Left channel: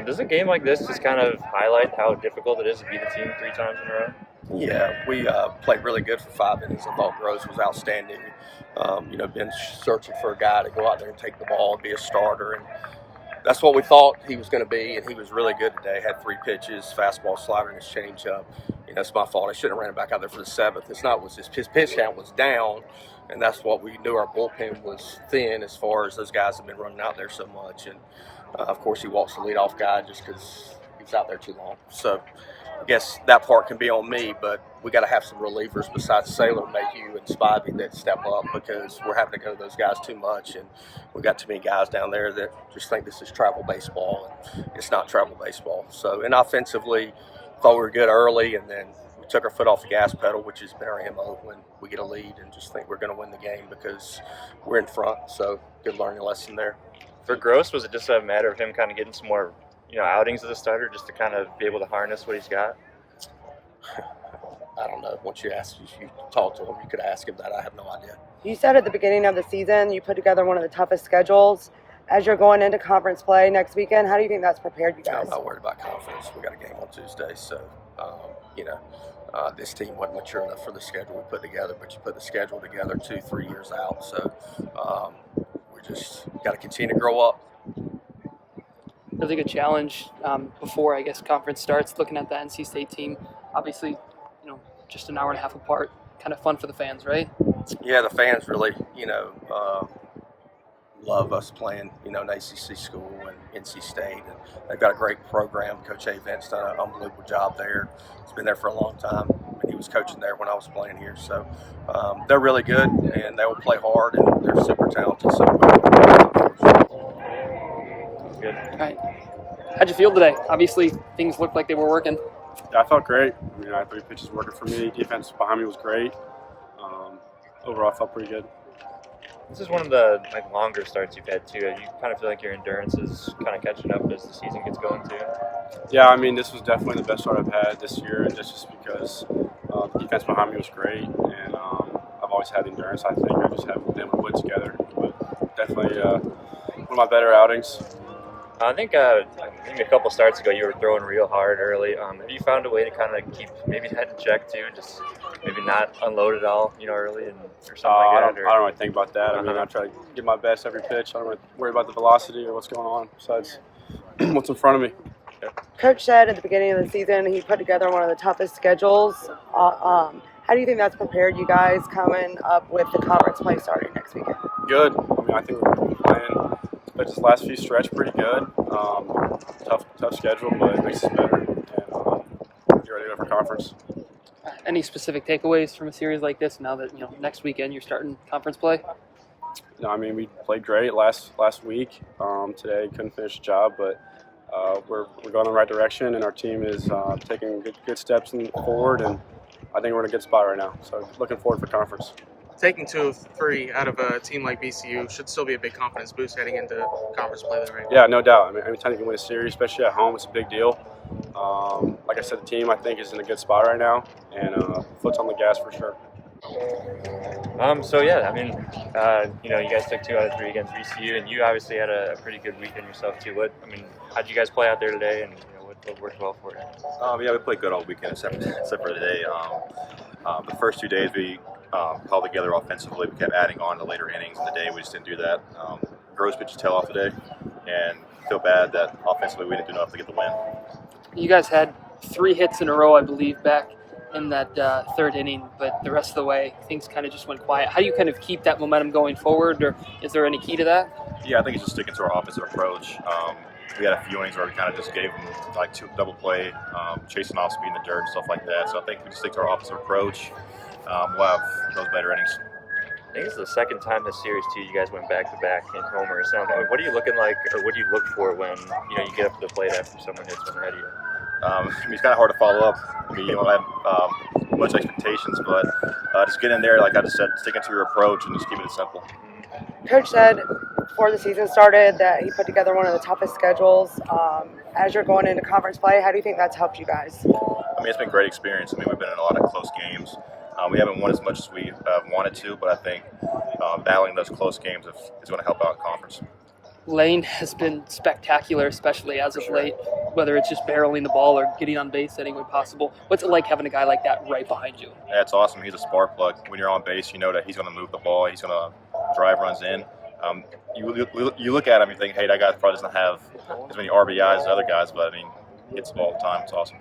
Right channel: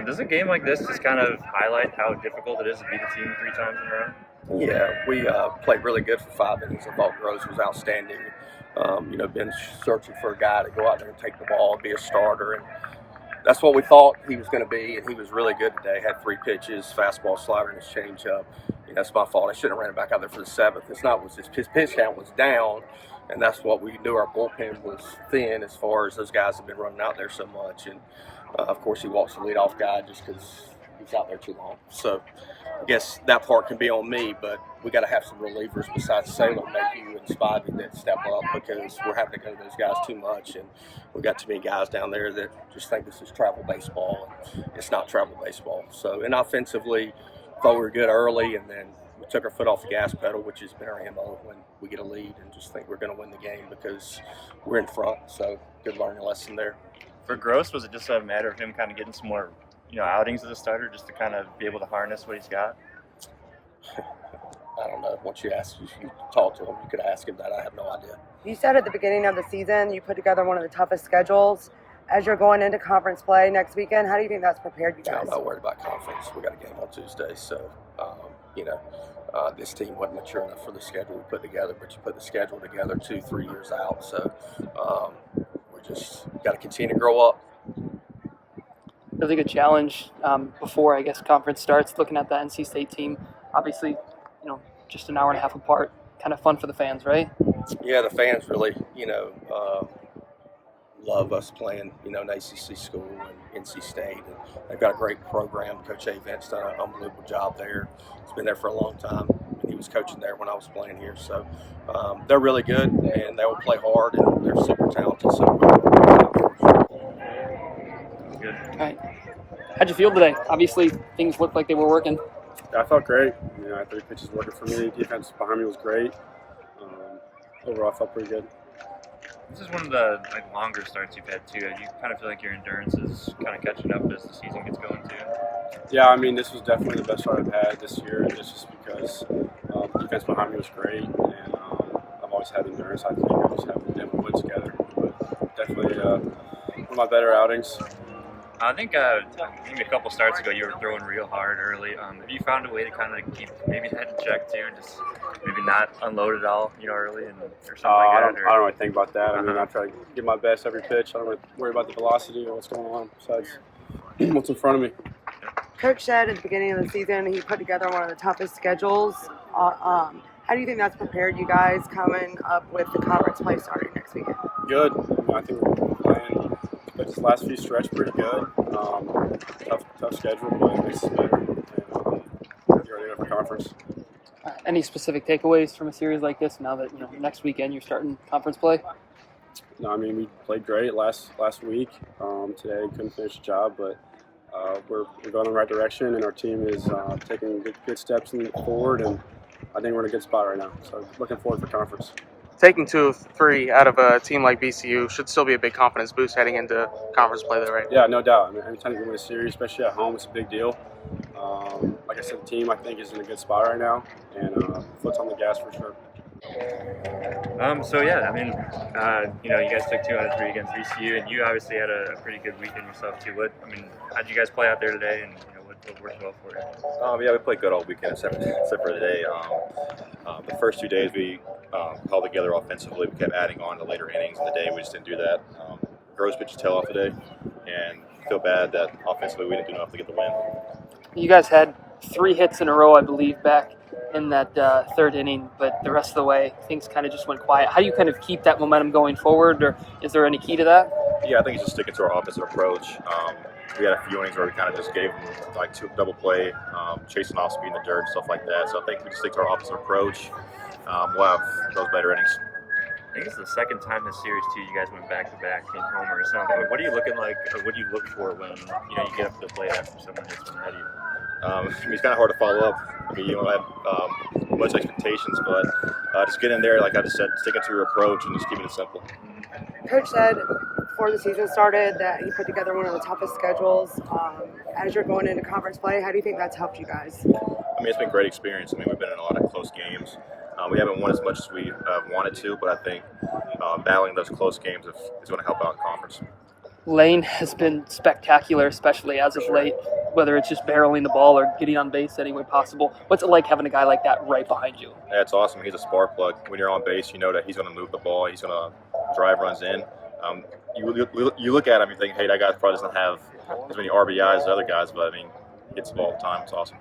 Does a game like this just kind of highlight how difficult it is to beat a team 3 times in a row? Yeah, we played really good for 5 innings. I thought Grosz was outstanding. Been searching for a guy to go out there and take the ball and be a starter, and that's what we thought he was going to be. And he was really good today. Had 3 pitches, fastball, slider, and his changeup. That's my fault. I shouldn't have ran it back out there for the 7th. It's not was his pitch count was down, and that's what we knew. Our bullpen was thin as far as those guys have been running out there so much, and of course he walks the leadoff guy just because he was out there too long. So I guess that part can be on me, but we got to have some relievers besides Saylor, Mayhew, and Spivey that step up because we're having to go to those guys too much, and we got too many guys down there that just think this is travel baseball, and it's not travel baseball. So, and offensively, thought we were good early, and then we took our foot off the gas pedal, which has been our MO when we get a lead, and just think we're going to win the game because we're in front. So, good learning lesson there. For Grosz, was it just a matter of him kind of getting some more, outings as a starter, just to kind of be able to harness what he's got? I don't know. Once you talk to him, you could ask him that. I have no idea. You said at the beginning of the season you put together one of the toughest schedules. As you're going into conference play next weekend, how do you think that's prepared you guys? I'm not worried about conference. We got a game on Tuesday, so this team wasn't mature enough for the schedule we put together. But you put the schedule together 2-3 years out, so we just got to continue to grow up. Really good challenge before, I guess, conference starts, looking at the NC State team. Obviously, just an hour and a half apart. Kind of fun for the fans, right? Yeah, the fans really, love us playing, an ACC school and NC State. And they've got a great program. Coach A. Vent's done an unbelievable job there. He's been there for a long time. He was coaching there when I was playing here. So they're really good, and they will play hard, and they're super talented. So Good. All right. How'd you feel today? Obviously, things looked like they were working. Yeah, I felt great. I had 3 pitches working for me. Defense behind me was great. Overall, I felt pretty good. This is one of the longer starts you've had too. You kind of feel like your endurance is kind of catching up as the season gets going too. Yeah, this was definitely the best start I've had this year, just because the defense behind me was great, and I've always had endurance. I think I just haven't been able to put it together, but definitely one of my better outings. I think a couple starts ago you were throwing real hard early. Have you found a way to kind of keep maybe that in check too, just maybe not unload it all, early or something I like that? don't really think about that. I try to give my best every pitch. I don't really worry about the velocity or what's going on besides what's in front of me. Coach said at the beginning of the season he put together one of the toughest schedules. How do you think that's prepared you guys coming up with the conference play starting next weekend? Good. I think we're playing this last few stretch pretty good. Tough schedule, but it makes us better. And get ready to go for conference. Any specific takeaways from a series like this now that, next weekend you're starting conference play? No, we played great last week. Today couldn't finish the job, but we're going in the right direction, and our team is taking good steps forward, and I think we're in a good spot right now. So looking forward for conference. Taking 2 of 3 out of a team like VCU should still be a big confidence boost heading into conference play, though, right? Yeah, no doubt. Anytime you can win a series, especially at home, it's a big deal. Like I said, the team I think is in a good spot right now, and foot's on the gas for sure. You guys took 2 out of 3 against VCU, and you obviously had a pretty good weekend yourself too. How'd you guys play out there today, and what worked well for you? We played good all weekend except for today. The first 2 days we held together offensively. We kept adding on to later innings in the day. We just didn't do that. Grosz pitched his tail off today, and feel bad that offensively we didn't do enough to get the win. You guys had 3 hits in a row, I believe, back in that 3rd inning, but the rest of the way things kind of just went quiet. How do you kind of keep that momentum going forward, or is there any key to that? Yeah, I think it's just sticking to our offensive approach. We had a few innings where we kind of just gave them 2 double play, chasing off speed in the dirt and stuff like that. So I think we just stick to our offensive approach. We'll have those better innings. I think it's the second time this series too. You guys went back-to-back in homers. What are you looking like, or what do you look for when you get up to the plate after someone hits one ahead of you? It's kind of hard to follow up. You don't have much expectations, but just get in there, like I just said, sticking to your approach and just keeping it simple. Coach said before the season started that he put together one of the toughest schedules. As you're going into conference play, how do you think that's helped you guys? It's been a great experience. We've been in a lot of close games. We haven't won as much as we wanted to, but I think battling those close games is going to help out in conference. Lane has been spectacular, especially as of late, whether it's just barreling the ball or getting on base any way possible. What's it like having a guy like that right behind you? That's awesome. He's a spark plug. When you're on base, you know that he's going to move the ball. He's going to drive runs in. You look at him, you think, hey, that guy probably doesn't have as many RBIs as other guys, but I mean, he hits the ball all the time. It's awesome.